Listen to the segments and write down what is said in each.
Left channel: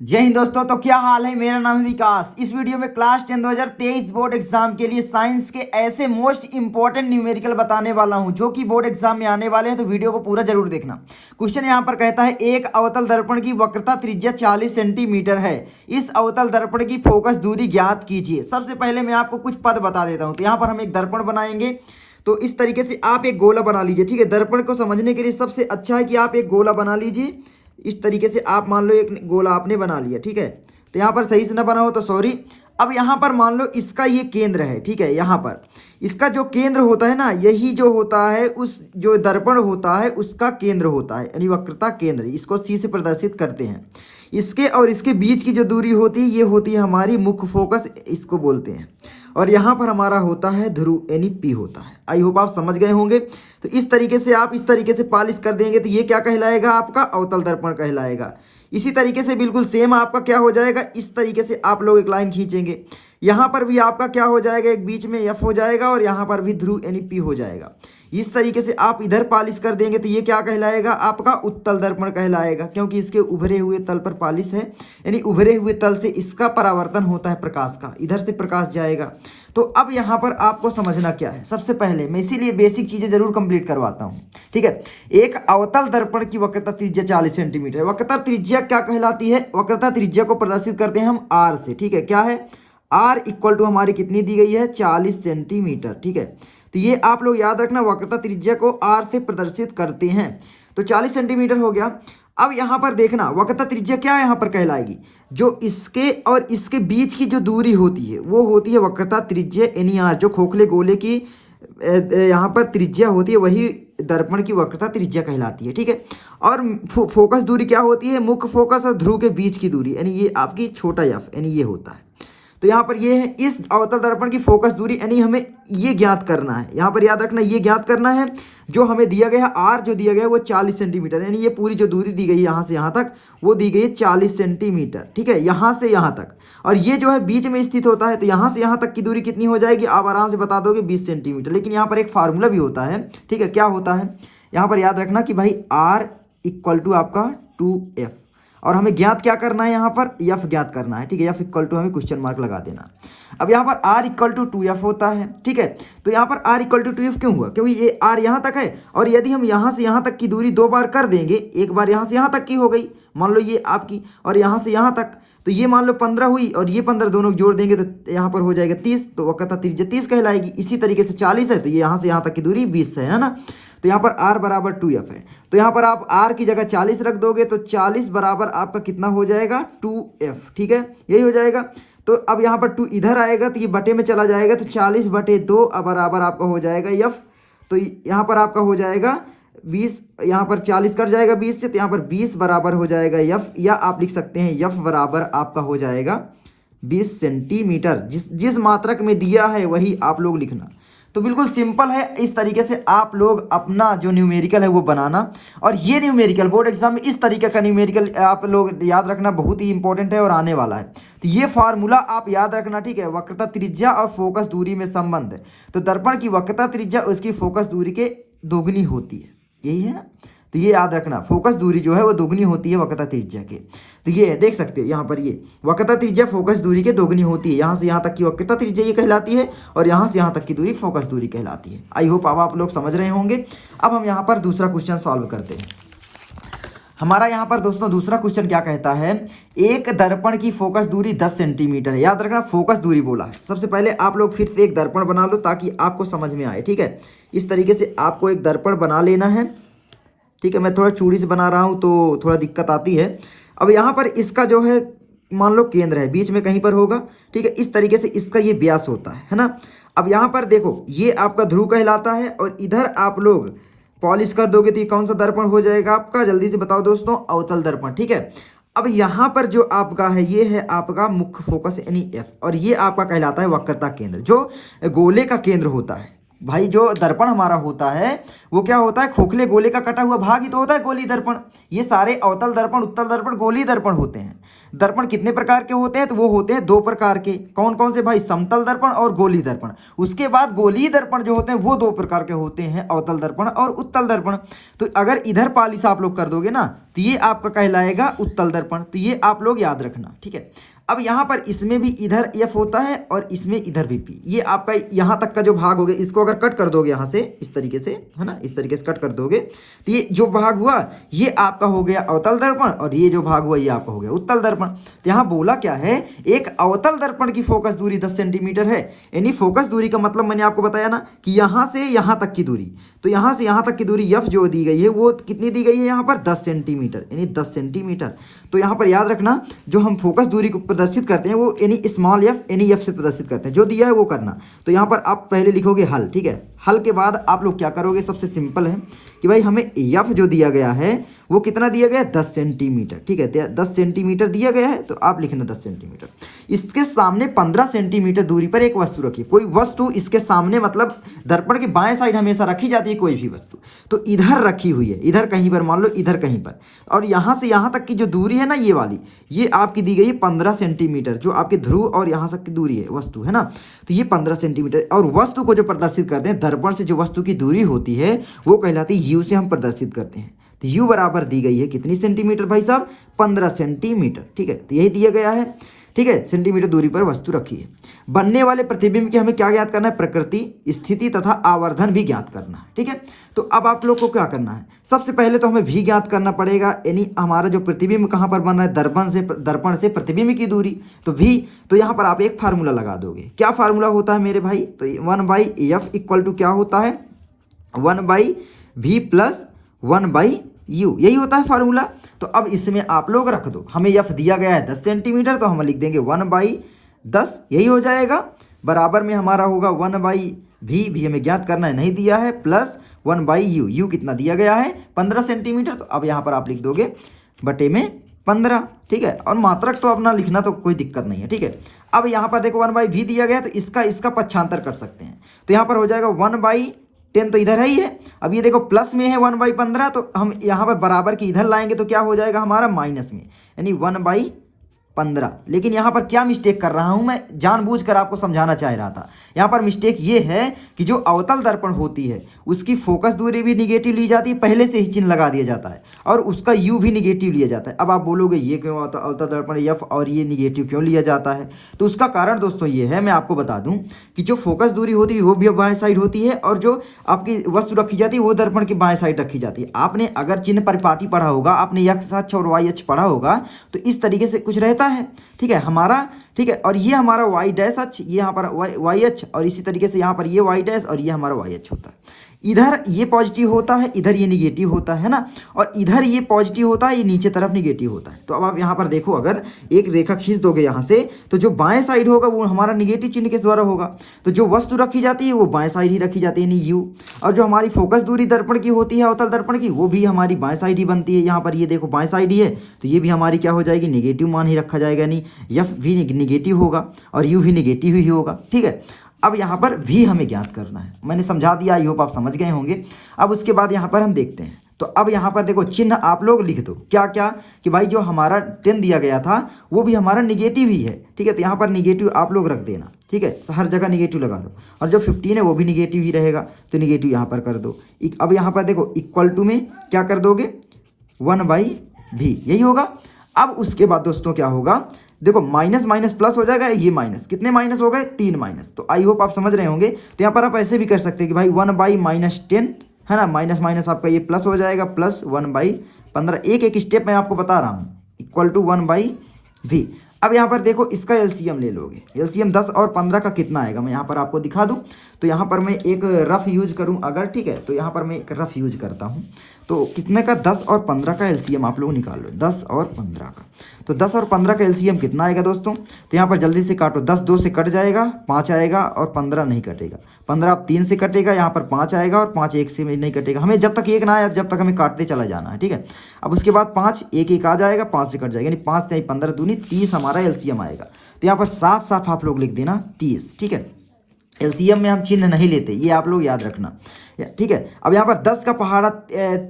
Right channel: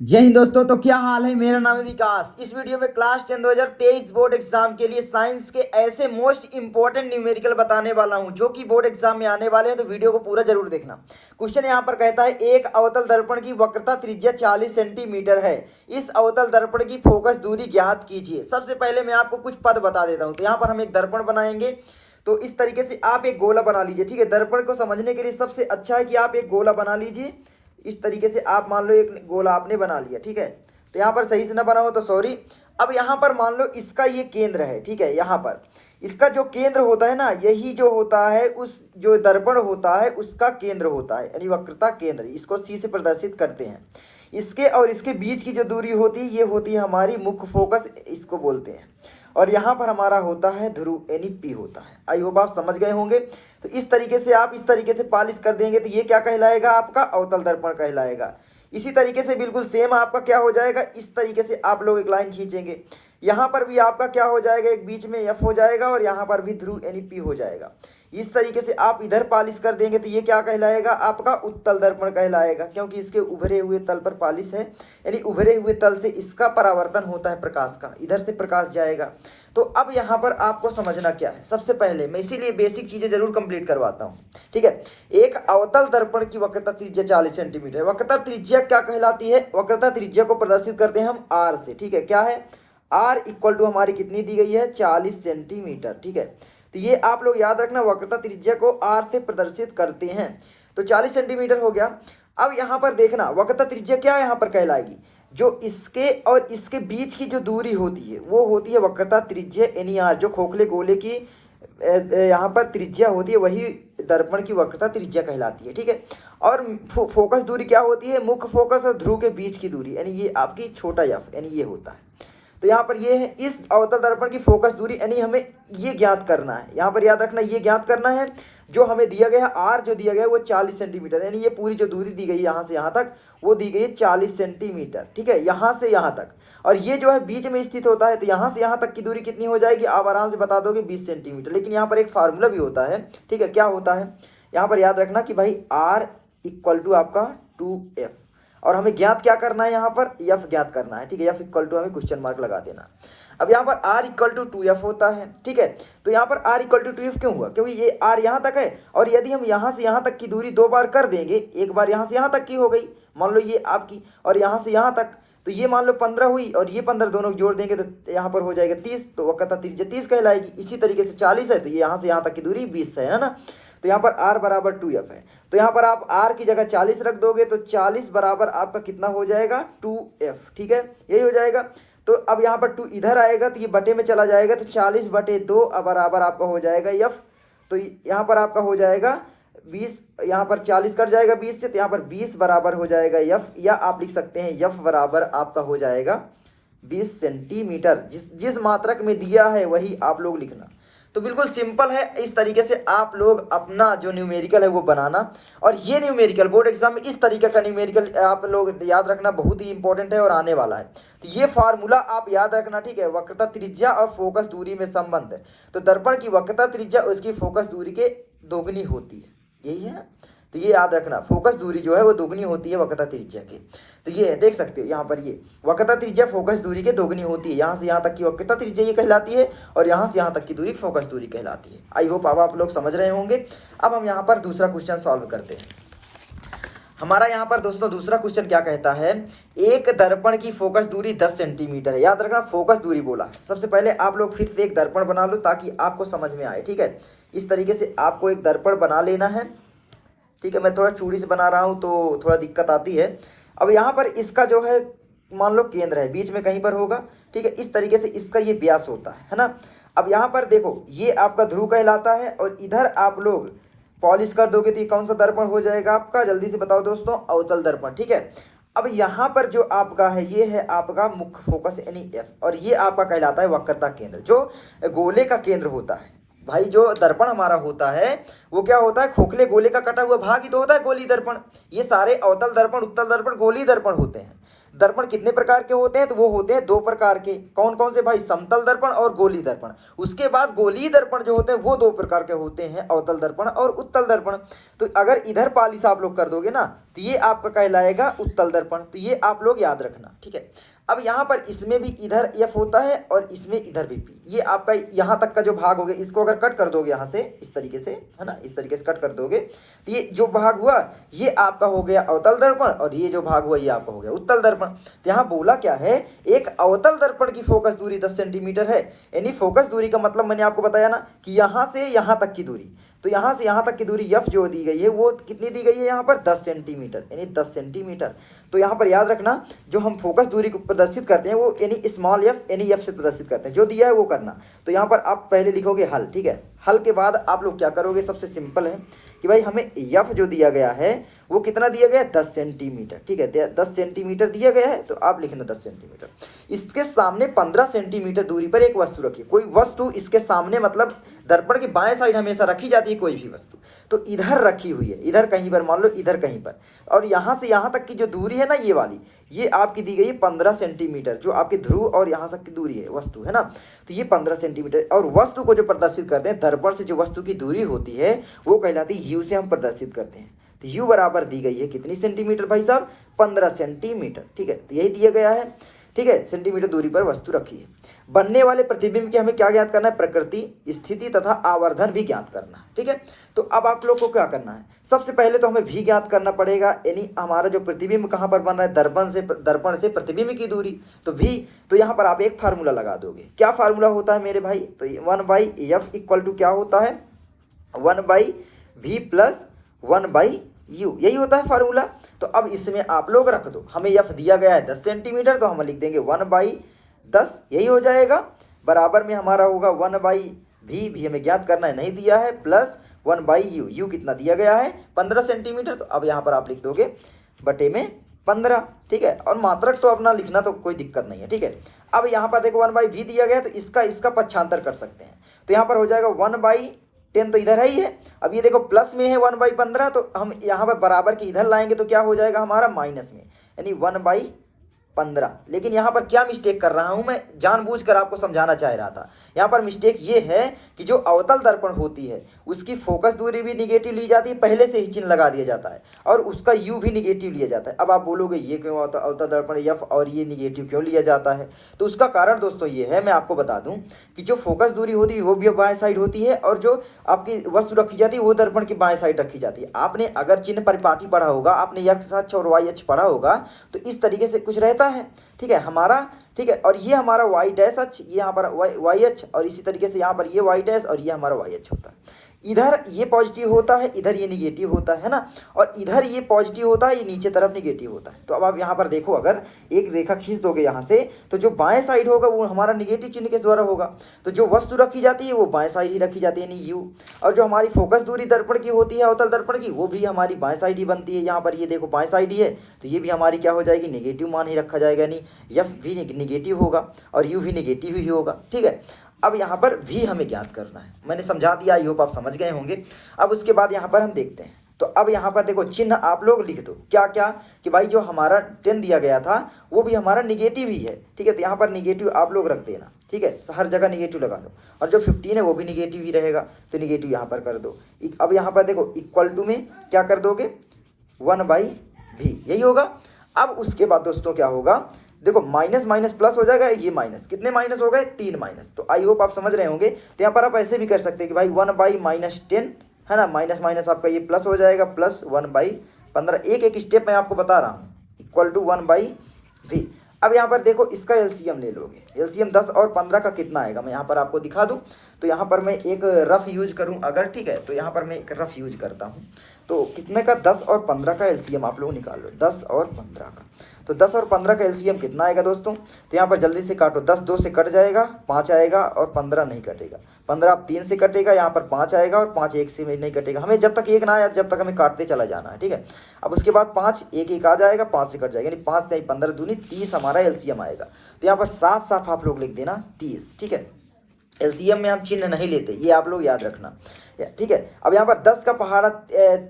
जय हिंद दोस्तों। तो क्या हाल है। मेरा नाम है विकास। इस वीडियो में क्लास 10 2023 बोर्ड एग्जाम के लिए साइंस के ऐसे मोस्ट इंपॉर्टेंट न्यूमेरिकल बताने वाला हूं जो कि बोर्ड एग्जाम में आने वाले हैं। तो वीडियो को पूरा जरूर देखना। क्वेश्चन यहां पर कहता है एक अवतल दर्पण की वक्रता त्रिज्या 40 सेंटीमीटर है। इस अवतल दर्पण की फोकस दूरी ज्ञात कीजिए। सबसे पहले मैं आपको कुछ पद बता देता हूँ। तो यहाँ पर हम एक दर्पण बनाएंगे। तो इस तरीके से आप एक गोला बना लीजिए। ठीक है, दर्पण को समझने के लिए सबसे अच्छा है कि आप एक गोला बना लीजिए। इस तरीके से आप मान लो एक गोला आपने बना लिया। ठीक है, तो यहाँ पर सही से ना बना हो तो सॉरी। अब यहाँ पर मान लो इसका ये केंद्र है। ठीक है, यहाँ पर इसका जो केंद्र होता है ना, यही जो होता है उस जो दर्पण होता है उसका केंद्र होता है, यानी वक्रता केंद्र। इसको सी से प्रदर्शित करते हैं। इसके और इसके बीच की जो दूरी होती है ये होती है हमारी मुख्य फोकस, इसको बोलते हैं। और यहाँ पर हमारा होता है ध्रुव, यानी पी होता है। आई होप आप समझ गए होंगे। तो इस तरीके से आप इस तरीके से पालिश कर देंगे तो ये क्या कहलाएगा, आपका अवतल दर्पण कहलाएगा। इसी तरीके से बिल्कुल सेम आपका क्या हो जाएगा, इस तरीके से आप लोग एक लाइन खींचेंगे। यहाँ पर भी आपका क्या हो जाएगा, एक बीच में एफ हो जाएगा और यहाँ पर भी ध्रुव यानी पी हो जाएगा। इस तरीके से आप इधर पालिश कर देंगे तो ये क्या कहलाएगा, आपका उत्तल दर्पण कहलाएगा, क्योंकि इसके उभरे हुए तल पर पालिश है, यानी उभरे हुए तल से इसका परावर्तन होता है प्रकाश का, इधर से प्रकाश जाएगा। तो अब यहाँ पर आपको समझना क्या है, सबसे पहले मैं इसीलिए बेसिक चीजें जरूर कंप्लीट करवाता हूँ। ठीक है, एक अवतल दर्पण की वक्रता त्रिज्या 40 सेंटीमीटर। वक्रता त्रिज्या क्या कहलाती है, वक्रता त्रिज्या को प्रदर्शित करते हैं हम आर से। ठीक है, क्या है, आर इक्वल टू हमारी कितनी दी गई है, 40 सेंटीमीटर। ठीक है, तो ये आप लोग याद रखना, वक्रता त्रिज्या को आर से प्रदर्शित करते हैं। तो 40 सेंटीमीटर हो गया। अब यहाँ पर देखना वक्रता त्रिज्या क्या यहाँ पर कहलाएगी, जो इसके और इसके बीच की जो दूरी होती है वो होती है वक्रता त्रिज्या यानी आर। जो खोखले गोले की यहाँ पर त्रिज्या होती है वही दर्पण की वक्रता त्रिज्या कहलाती है। ठीक है, और फोकस दूरी क्या होती है, मुख्य फोकस और ध्रुव के बीच की दूरी, यानी ये आपकी छोटा एफ, यानी ये होता है। तो यहाँ पर ये है इस अवतल दर्पण की फोकस दूरी, यानी हमें ये ज्ञात करना है। यहाँ पर याद रखना ये ज्ञात करना है जो हमें दिया गया है आर, जो दिया गया है वो 40 सेंटीमीटर, यानी ये पूरी जो दूरी दी गई है यहाँ से यहाँ तक वो दी गई है 40 सेंटीमीटर। ठीक है, यहाँ से यहाँ तक, और ये जो है बीच में स्थित होता है, तो यहाँ से यहाँ तक की दूरी कितनी हो जाएगी, आप आराम से बता दोगे 20 सेंटीमीटर। लेकिन यहाँ पर एक फार्मूला भी होता है। ठीक है, क्या होता है, यहाँ पर याद रखना कि भाई आर इक्वल टू आपका 2f, और हमें ज्ञात क्या करना है, यहाँ पर एफ ज्ञात करना है। ठीक है, एफ इक्वल टू हमें क्वेश्चन मार्क लगा देना। अब यहाँ पर आर इक्वल टू 2f होता है। ठीक है, तो यहाँ पर आर इक्वल टू 2f क्यों हुआ, क्योंकि ये आर यहाँ तक है, और यदि हम यहाँ से यहाँ तक की दूरी दो बार कर देंगे, एक बार यहाँ से यहाँ तक की हो गई मान लो ये आपकी, और यहाँ से यहाँ तक, तो ये मान लो 15 हुई और ये 15 दोनों जोड़ देंगे तो यहाँ पर हो जाएगा 30, तो वक्रता त्रिज्या 30 कहलाएगी। इसी तरीके से 40 है तो ये यहाँ से यहाँ तक की दूरी 20 है ना। तो यहाँ पर r बराबर 2f है, तो यहाँ पर आप r की जगह 40 रख दोगे तो 40 बराबर आपका कितना हो जाएगा, 2f। ठीक है, यही हो जाएगा। तो अब यहाँ पर 2 इधर आएगा तो ये बटे में चला जाएगा, तो 40/2 बराबर आपका हो जाएगा f। तो यहाँ पर आपका हो जाएगा 20, यहाँ पर 40 कट जाएगा 20 से, तो यहाँ पर 20 बराबर हो जाएगा f, या आप लिख सकते हैं f बराबर आपका हो जाएगा 20 सेंटीमीटर। जिस मात्रक में दिया है वही आप लोग लिखना। तो बिल्कुल सिंपल है, इस तरीके से आप लोग अपना जो न्यूमेरिकल है वो बनाना। और ये न्यूमेरिकल बोर्ड एग्जाम में इस तरीके का न्यूमेरिकल आप लोग याद रखना, बहुत ही इंपॉर्टेंट है और आने वाला है। तो ये फार्मूला आप याद रखना। ठीक है, वक्रता त्रिज्या और फोकस दूरी में संबंध है। तो दर्पण की वक्रता त्रिज्या उसकी फोकस दूरी के दोगुनी होती है, यही है ना। तो ये याद रखना, फोकस दूरी जो है वो दोगुनी होती है वक्रता त्रिज्या के। तो ये देख सकते हो यहाँ पर, ये वक्रता त्रिज्या फोकस दूरी के दोगुनी होती है। यहाँ से यहाँ तक की वक्रता त्रिज्या ये कहलाती है, और यहाँ से यहाँ तक की दूरी फोकस दूरी कहलाती है। आई होप अब आप लोग समझ रहे होंगे। अब हम यहाँ पर दूसरा क्वेश्चन सॉल्व करते हैं। हमारा यहाँ पर दोस्तों दूसरा क्वेश्चन क्या कहता है, एक दर्पण की फोकस दूरी 10 सेंटीमीटर है। याद रखना फोकस दूरी बोला है। सबसे पहले आप लोग फिर से एक दर्पण बना लो ताकि आपको समझ में आए। ठीक है, इस तरीके से आपको एक दर्पण बना लेना है। ठीक है, मैं थोड़ा चूड़ी से बना रहा हूँ तो थोड़ा दिक्कत आती है। अब यहाँ पर इसका जो है मान लो केंद्र है, बीच में कहीं पर होगा। ठीक है, इस तरीके से इसका ये व्यास होता है ना। अब यहाँ पर देखो ये आपका ध्रुव कहलाता है, और इधर आप लोग पॉलिश कर दोगे तो ये कौन सा दर्पण हो जाएगा आपका, जल्दी से बताओ दोस्तों, अवतल दर्पण। ठीक है, अब यहाँ पर जो आपका है ये है आपका मुख्य फोकस यानी एफ, और ये आपका कहलाता है वक्रता केंद्र, जो गोले का केंद्र होता है। भाई जो दर्पण हमारा होता है वो क्या होता है, खोखले गोले का कटा हुआ भाग ही तो होता है गोली दर्पण। ये सारे अवतल दर्पण उत्तल दर्पण गोली दर्पण होते हैं। दर्पण कितने प्रकार के होते हैं, तो वो होते हैं 2 प्रकार के। कौन कौन से भाई, समतल दर्पण और गोलीय दर्पण। उसके बाद गोलीय दर्पण जो होते हैं वो 2 प्रकार के होते हैं, अवतल दर्पण और उत्तल दर्पण। तो अगर इधर पालिश आप लोग कर दोगे ना तो ये आपका कहलाएगा उत्तल दर्पण, तो ये आप लोग याद रखना, ठीक है। अब यहाँ पर इसमें भी इधर एफ होता है और इसमें इधर भी पी। ये आपका यहाँ तक का जो भाग हो गया, इसको अगर कट कर दोगे यहाँ से इस तरीके से, है ना, इस तरीके से कट कर दोगे तो ये जो भाग हुआ ये आपका हो गया अवतल दर्पण और ये जो भाग हुआ ये आपका हो गया उत्तल दर्पण। तो यहाँ बोला क्या है, एक अवतल दर्पण की फोकस दूरी 10 सेंटीमीटर है। यानी फोकस दूरी का मतलब मैंने आपको बताया ना कि यहाँ से यहाँ तक की दूरी, तो यहाँ से यहाँ तक की दूरी एफ जो दी गई है वो कितनी दी गई है यहाँ पर 10 सेंटीमीटर, यानी 10 सेंटीमीटर। तो यहाँ पर याद रखना जो हम फोकस दूरी को प्रदर्शित करते हैं वो यानी स्मॉल एफ यानी एफ से प्रदर्शित करते हैं, जो दिया है वो करना। तो यहाँ पर आप पहले लिखोगे हल, ठीक है। हल के बाद आप लोग क्या करोगे, सबसे सिंपल है कि भाई हमें एफ जो दिया गया है वो कितना दिया गया है 10 सेंटीमीटर, ठीक है। 10 सेंटीमीटर दिया गया है तो आप लिखना 10 सेंटीमीटर। इसके सामने 15 सेंटीमीटर दूरी पर एक वस्तु रखिए। कोई वस्तु इसके सामने मतलब दर्पण के बाएं साइड हमेशा रखी जाती है कोई भी वस्तु, तो इधर रखी हुई है, इधर कहीं पर मान लो, इधर कहीं पर। और यहाँ से यहाँ तक की जो दूरी है ना ये वाली, ये आपकी दी गई है 15 सेंटीमीटर, जो आपके ध्रुव और यहाँ तक की दूरी है वस्तु, है ना। तो ये 15 सेंटीमीटर। और वस्तु को जो प्रदर्शित करते हैं, दर्पण से जो वस्तु की दूरी होती है वो कहलाती है यू से हम प्रदर्शित करते हैं। तो यू बराबर दी गई है कितनी सेंटीमीटर भाई साहब, 15 सेंटीमीटर, ठीक है। तो यही दिया गया है, ठीक है। सेंटीमीटर दूरी पर वस्तु रखी है। बनने वाले प्रतिबिंब के हमें क्या ज्ञात करना है, प्रकृति, स्थिति तथा आवर्धन भी ज्ञात करना है, ठीक है। तो अब आप लोग को क्या करना है, सबसे पहले तो हमें भी ज्ञात करना पड़ेगा, यानी हमारा जो प्रतिबिंब कहाँ पर बन रहा है, दर्पण से प्रतिबिंब की दूरी। तो भी, तो यहाँ पर आप एक फार्मूला लगा दोगे। क्या फार्मूला होता है मेरे भाई, तो 1/f इक्वल टू क्या होता है, 1/v प्लस 1/u, यही होता है फार्मूला। तो अब इसमें आप लोग रख दो, हमें एफ दिया गया है 10 सेंटीमीटर, तो हम लिख देंगे 1/10, यही हो जाएगा। बराबर में हमारा होगा 1/v, भी हमें ज्ञात करना है, नहीं दिया है, प्लस 1/u, यू कितना दिया गया है 15 सेंटीमीटर। तो अब यहाँ पर आप लिख दोगे बटे में 15, ठीक है। और मात्रक तो अपना लिखना तो कोई दिक्कत नहीं है, ठीक है। अब यहाँ पर देखो 1/v दिया गया है, तो इसका पक्षांतर कर सकते हैं। तो यहाँ पर हो जाएगा 1/10, तो इधर है ही है। अब ये देखो प्लस में है 1/15, तो हम यहाँ पर बराबर के इधर लाएंगे तो क्या हो जाएगा हमारा माइनस में, यानी 1/15। लेकिन यहाँ पर क्या मिस्टेक कर रहा हूँ मैं, जानबूझकर आपको समझाना चाह रहा था। यहाँ पर मिस्टेक ये है कि जो अवतल दर्पण होती है उसकी फोकस दूरी भी निगेटिव ली जाती है, पहले से ही चिन्ह लगा दिया जाता है, और उसका यू भी निगेटिव लिया जाता है। अब आप बोलोगे ये क्यों अवतल दर्पण एफ और ये निगेटिव क्यों लिया जाता है, तो उसका कारण दोस्तों ये है, मैं आपको बता दूं कि जो फोकस दूरी होती है वो भी बाएं साइड होती है, और जो आपकी वस्तु रखी जाती है वो दर्पण की बाएं साइड रखी जाती है। आपने अगर चिन्ह परिपाटी पढ़ा होगा, आपने एक्स अक्ष और वाई अक्ष पढ़ा होगा, तो इस तरीके से कुछ रहता है, ठीक है हमारा, ठीक है। और ये हमारा वाई डैश अक्ष, ये यहाँ पर वाई अक्ष, और इसी तरीके से यहाँ पर ये वाई डैश और ये हमारा वाई अक्ष होता है। इधर ये पॉजिटिव होता है, इधर ये निगेटिव होता है ना, और इधर ये पॉजिटिव होता है, ये नीचे तरफ निगेटिव होता है। तो अब आप यहाँ पर देखो, अगर एक रेखा खींच दोगे यहाँ से, तो जो बाएं साइड होगा वो हमारा निगेटिव चिन्ह के द्वारा होगा। तो जो वस्तु रखी जाती है वो बाएं साइड ही रखी जाती है, यानी यू। और जो हमारी फोकस दूरी दर्पण की होती है, अवतल दर्पण की, वो भी हमारी बाएं साइड ही बनती है। यहाँ पर ये देखो बाएं साइड ही है, तो ये भी हमारी क्या हो जाएगी, निगेटिव मान ही रखा जाएगा, यानी एफ भी निगेटिव होगा और यू भी निगेटिव ही होगा, ठीक है। अब यहाँ पर भी हमें ज्ञात करना है, मैंने समझा दिया, आई होप आप समझ गए होंगे। अब उसके बाद यहाँ पर हम देखते हैं, तो अब यहाँ पर देखो चिन्ह आप लोग लिख दो, क्या क्या, कि भाई जो हमारा 10 दिया गया था वो भी हमारा निगेटिव ही है, ठीक है। तो यहाँ पर निगेटिव आप लोग रख देना, ठीक है, हर जगह निगेटिव लगा दो। और जो 15 है वो भी निगेटिव ही रहेगा, तो निगेटिव यहाँ पर कर दो। अब यहाँ पर देखो इक्वल टू में क्या कर दोगे, 1/v, यही होगा। अब उसके बाद दोस्तों क्या होगा, देखो माइनस माइनस प्लस हो जाएगा, ये माइनस, कितने माइनस हो गए, 3 माइनस। तो आई होप आप समझ रहे होंगे। तो यहाँ पर आप ऐसे भी कर सकते हैं कि भाई 1/-10 है ना, माइनस माइनस आपका ये प्लस हो जाएगा, प्लस 1/15। एक एक स्टेप मैं आपको बता रहा हूँ, इक्वल टू 1/v। अब यहाँ पर देखो इसका एलसीएम ले लोगे, एलसीएम 10 और 15 का कितना आएगा, मैं यहाँ पर आपको दिखा दूँ। तो यहाँ पर मैं एक रफ यूज करूँ अगर, ठीक है, तो यहाँ पर मैं एक रफ यूज करता हूँ। तो कितने का, 10 और 15 का एलसीएम आप लोग निकाल लो, 10 और 15 का। तो 10 और 15 का एलसीएम कितना आएगा दोस्तों, तो यहाँ पर जल्दी से काटो, 10 2 से कट जाएगा, 5 आएगा, और 15 नहीं कटेगा। 15 3 से कटेगा, यहाँ पर 5 आएगा, और 5 1 से नहीं कटेगा। हमें जब तक 1 ना आए, जब तक हमें काटते चला जाना है, ठीक है। अब उसके बाद 5 1 1 आ जाएगा, 5 से कट जाएगा, यानी 5 3 15 दूनी 30 हमारा एलसीएम आएगा। तो यहाँ पर साफ साफ आप लोग लिख देना 30, ठीक है। एलसीएम में हम चिन्ह नहीं लेते, ये आप लोग याद रखना, ठीक है। अब यहाँ पर 10 का पहाड़ा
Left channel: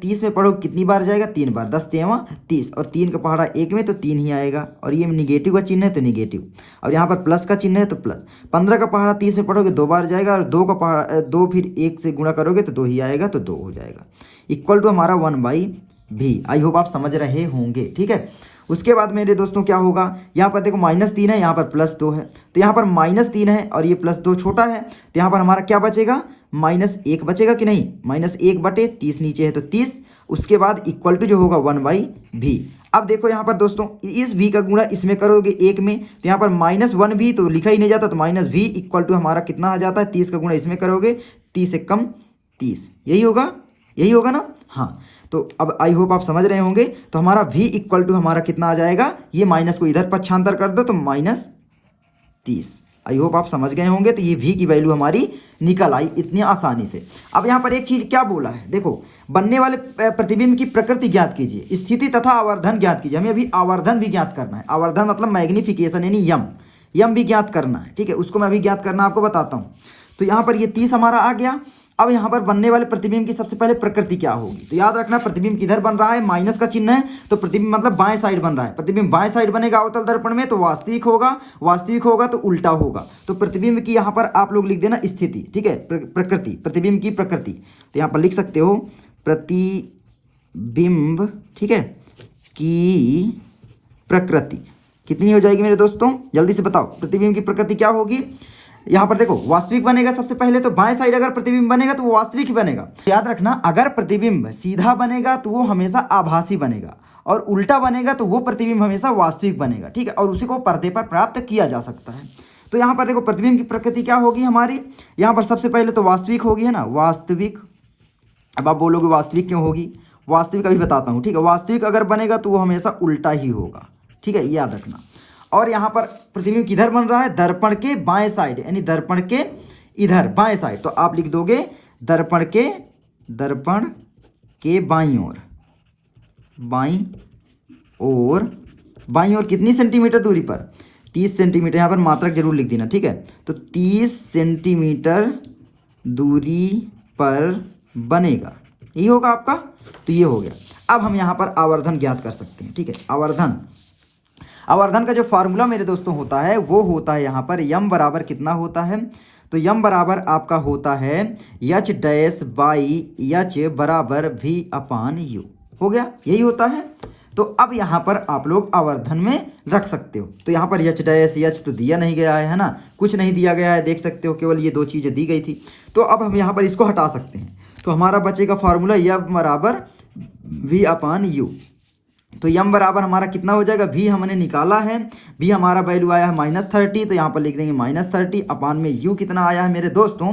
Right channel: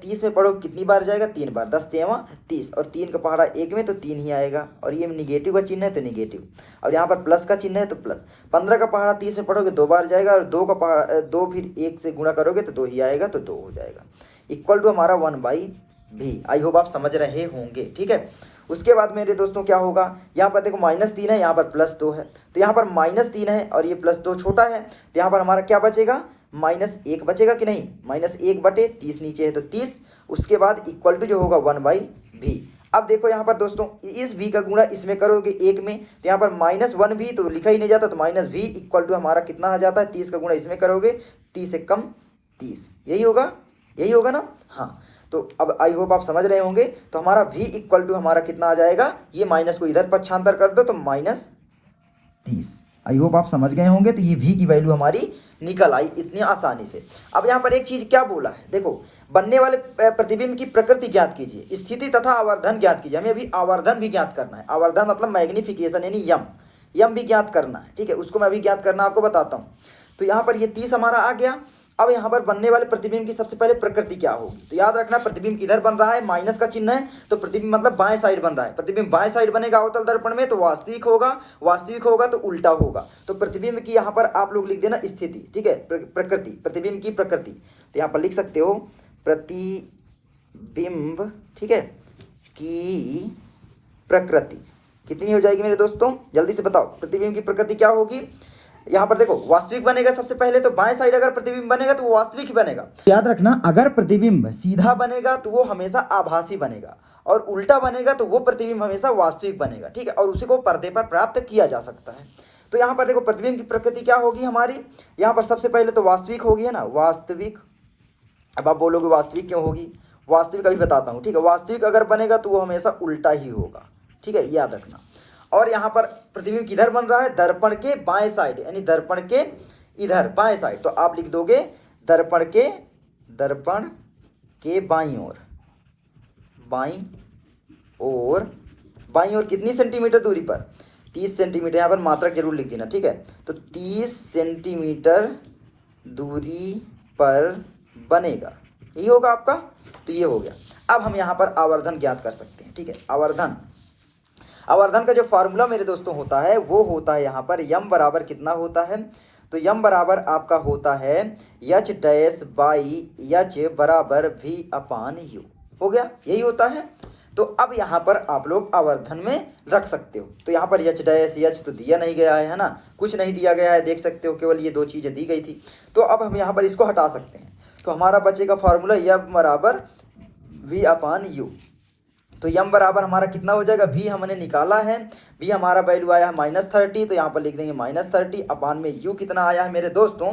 30 में पढ़ो कितनी बार जाएगा, 3 बार, 10 तेवा 30, और 3 का पहाड़ा 1 में तो 3 ही आएगा, और ये निगेटिव का चिन्ह है तो निगेटिव, और यहाँ पर प्लस का चिन्ह है तो प्लस। 15 का पहाड़ा 30 में पढ़ोगे 2 बार जाएगा, और 2 का पहाड़ा 2 फिर 1 से गुणा करोगे तो 2 ही आएगा, तो 2 हो जाएगा, इक्वल टू हमारा 1/v। आई होप आप समझ रहे होंगे, ठीक है। उसके बाद मेरे दोस्तों क्या होगा, यहाँ पर देखो -3 है, यहाँ पर +2 है, तो यहाँ पर -3 है और ये +2 छोटा है, तो यहाँ पर हमारा क्या बचेगा, -1 बचेगा कि नहीं, -1/30 नीचे है तो 30, उसके बाद इक्वल टू जो होगा 1/v। अब देखो यहाँ पर दोस्तों इस v का गुणा इसमें करोगे 1 में, तो यहाँ पर -1v तो लिखा ही नहीं जाता, तो -v इक्वल टू हमारा कितना आ जाता है, 30 का गुणा इसमें करोगे 30 से कम 30, यही होगा ना, हाँ। तो अब आई होप आप समझ रहे होंगे, तो हमारा v इक्वल टू हमारा कितना आ जाएगा, ये माइनस को इधर पक्षांतर कर दो तो -30। आई होप आप समझ गए होंगे, तो ये v की वैल्यू हमारी निकल आई इतनी आसानी से। अब यहाँ पर एक चीज क्या बोला है, देखो बनने वाले प्रतिबिंब की प्रकृति ज्ञात कीजिए, स्थिति तथा आवर्धन ज्ञात कीजिए। हमें अभी आवर्धन भी ज्ञात करना है, आवर्धन मतलब मैग्निफिकेशन यानी यम भी ज्ञात करना है, ठीक है, उसको मैं अभी ज्ञात करना आपको बताता हूँ। तो यहाँ पर ये 30 हमारा आ गया। अब यहाँ पर बनने वाले प्रतिबिंब की सबसे पहले प्रकृति क्या होगी, तो याद रखना प्रतिबिंब किधर बन रहा है, माइनस का चिन्ह है, तो प्रतिबिंब मतलब बाएं साइड बन रहा है। प्रतिबिंब बाएं साइड बनेगा अवतल दर्पण में तो वास्तविक होगा तो उल्टा होगा। तो प्रतिबिंब की यहाँ पर आप लोग लिख देना स्थिति, ठीक है, प्रकृति, प्रतिबिंब की प्रकृति, तो यहाँ पर लिख सकते हो प्रतिबिंब, ठीक है, की प्रकृति कितनी हो जाएगी मेरे दोस्तों, जल्दी से बताओ, प्रतिबिंब की प्रकृति क्या होगी। यहाँ पर देखो वास्तविक बनेगा सबसे पहले, तो बाएं साइड अगर प्रतिबिंब बनेगा तो वो वास्तविक ही बनेगा। याद रखना अगर प्रतिबिंब सीधा बनेगा तो वो हमेशा आभासी बनेगा, और उल्टा बनेगा तो वो प्रतिबिंब हमेशा वास्तविक बनेगा, ठीक है, और उसी को पर्दे पर प्राप्त किया जा सकता है। तो यहाँ पर देखो प्रतिबिंब की प्रकृति क्या होगी हमारी, यहाँ पर सबसे पहले तो वास्तविक होगी, है ना, वास्तविक। अब आप बोलोगे वास्तविक क्यों होगी, वास्तविक अभी बताता हूँ, ठीक है। वास्तविक अगर बनेगा तो वो हमेशा उल्टा ही होगा, ठीक है, याद रखना। और यहाँ पर प्रतिबिंब किधर बन रहा है, दर्पण के बाएं साइड, यानी दर्पण के इधर बाएं साइड, तो आप लिख दोगे दर्पण के बाईं ओर कितनी सेंटीमीटर दूरी पर, 30 सेंटीमीटर, यहाँ पर मात्रक जरूर लिख देना, ठीक है। तो 30 सेंटीमीटर दूरी पर बनेगा, ये होगा आपका, तो ये हो गया। अब हम यहाँ पर आवर्धन ज्ञात कर सकते हैं, ठीक है। आवर्धन का जो फार्मूला मेरे दोस्तों होता है वो होता है यहाँ पर यम बराबर कितना होता है, तो यम बराबर आपका होता है एच डैश बाई एच बराबर v/u, हो गया, यही होता है। तो अब यहाँ पर आप लोग आवर्धन में रख सकते हो, तो यहाँ पर एच डैश एच तो दिया नहीं गया है ना, कुछ नहीं दिया गया है, देख सकते हो, केवल ये 2 चीज़ें दी गई थी। तो अब हम यहाँ पर इसको हटा सकते हैं, तो हमारा बचेगा फार्मूला यम बराबर v/u। तो यम बराबर हमारा कितना हो जाएगा, v हमने निकाला है, v हमारा वैल्यू आया है -30, तो यहाँ पर लिख देंगे -30 अपान में u कितना आया है मेरे दोस्तों,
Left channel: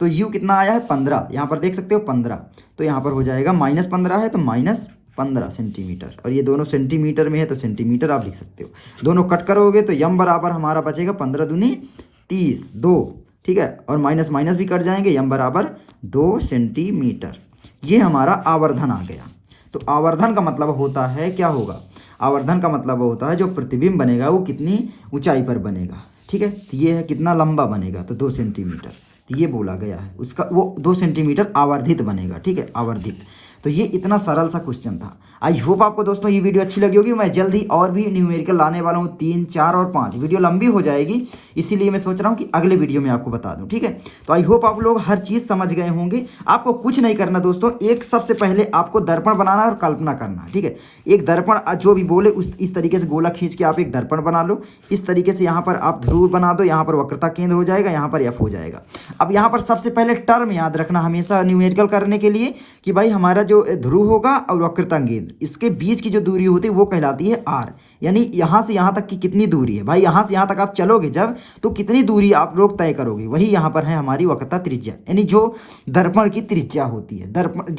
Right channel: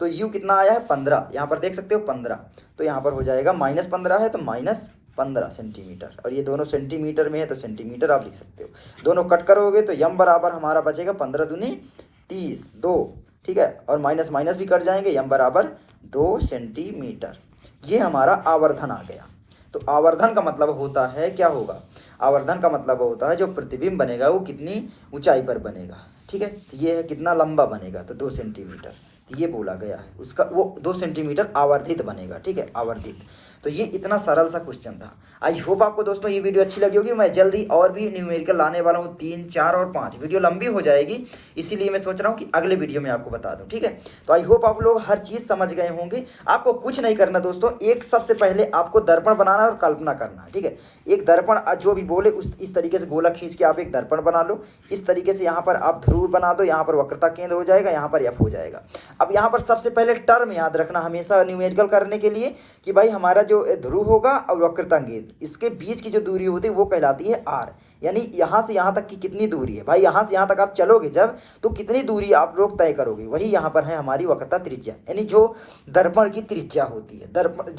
तो u कितना आया है 15, यहाँ पर देख सकते हो 15, तो यहाँ पर हो जाएगा -15 है तो -15 सेंटीमीटर, और ये दोनों सेंटीमीटर में है तो सेंटीमीटर आप लिख सकते हो, दोनों कट करोगे तो यम बराबर हमारा बचेगा 15 दूनी 30 2, ठीक है, और माइनस माइनस भी कट जाएंगे, यम बराबर 2 सेंटीमीटर। ये हमारा आवर्धन आ गया। तो आवर्धन का मतलब होता है क्या होगा, आवर्धन का मतलब होता है जो प्रतिबिंब बनेगा वो कितनी ऊंचाई पर बनेगा, ठीक है। तो ये है कितना लंबा बनेगा, तो 2 सेंटीमीटर, तो ये बोला गया है उसका, वो 2 सेंटीमीटर आवर्धित बनेगा, ठीक है, आवर्धित। तो ये इतना सरल सा क्वेश्चन था। आई होप आपको दोस्तों ये वीडियो अच्छी लगी होगी। मैं जल्द ही और भी न्यूमेरिकल लाने वाला हूँ, 3, 4 और 5। वीडियो लंबी हो जाएगी, इसीलिए मैं सोच रहा हूँ कि अगले वीडियो में आपको बता दूँ, ठीक है। तो आई होप आप लोग हर चीज़ समझ गए होंगे। आपको कुछ नहीं करना दोस्तों, एक सबसे पहले आपको दर्पण बनाना और कल्पना करना, ठीक है। एक दर्पण जो भी बोले इस तरीके से गोला खींच के आप एक दर्पण बना लो, इस तरीके से यहाँ पर आप ध्रुव बना दो, यहाँ पर वक्रता केंद्र हो जाएगा, यहाँ पर एफ हो जाएगा। अब यहाँ पर सबसे पहले टर्म याद रखना हमेशा न्यूमेरिकल करने के लिए कि भाई हमारा जो ध्रुव होगा और वक्रता केंद्र, इसके बीच की जो दूरी होती है वो कहलाती है आर, यानी यहाँ से यहाँ तक की कितनी दूरी है भाई, यहाँ से यहाँ तक आप चलोगे जब तो कितनी दूरी आप लोग तय करोगे, वही यहाँ पर है हमारी वक्रता त्रिज्या, यानी जो दर्पण की त्रिज्या होती है, दर्पण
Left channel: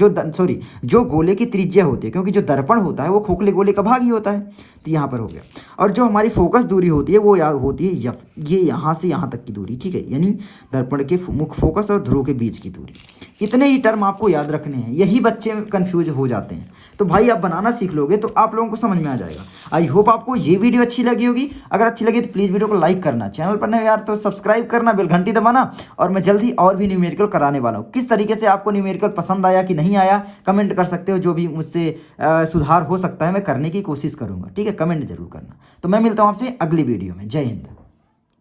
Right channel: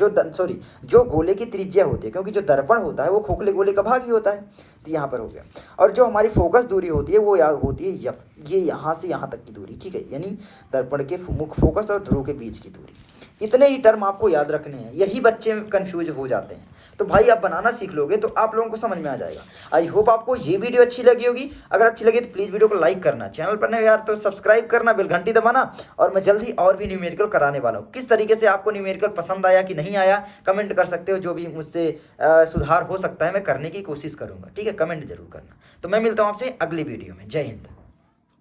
जो गोले की त्रिज्या होती है, क्योंकि जो दर्पण होता है वो खोखले गोले का भाग ही होता है, तो यहाँ पर हो गया। और जो हमारी फोकस दूरी होती है वो होती है एफ, ये यहाँ से यहाँ तक की दूरी, ठीक है, यानी दर्पण के मुख्य फोकस और ध्रुव के बीच की दूरी। इतने ही टर्म आपको याद रखने हैं, यही बच्चे कंफ्यूज हो जाते हैं। तो भाई आप बनाना सीख लोगे तो आप लोगों को समझ में आ जाएगा। आई होप आपको ये वीडियो अच्छी लगी होगी। अगर अच्छी लगी तो प्लीज़ वीडियो को लाइक करना, चैनल पर नए यार तो सब्सक्राइब करना, बेल घंटी दबाना। और मैं जल्दी और भी न्यूमेरिकल कराने वाला हूँ। किस तरीके से आपको न्यूमेरिकल पसंद आया कि नहीं आया कमेंट कर सकते हो। जो भी मुझसे सुधार हो सकता है मैं करने की कोशिश करूँगा। ठीक है, कमेंट जरूर करना। तो मैं मिलता हूँ आपसे अगली वीडियो में। जय हिंद।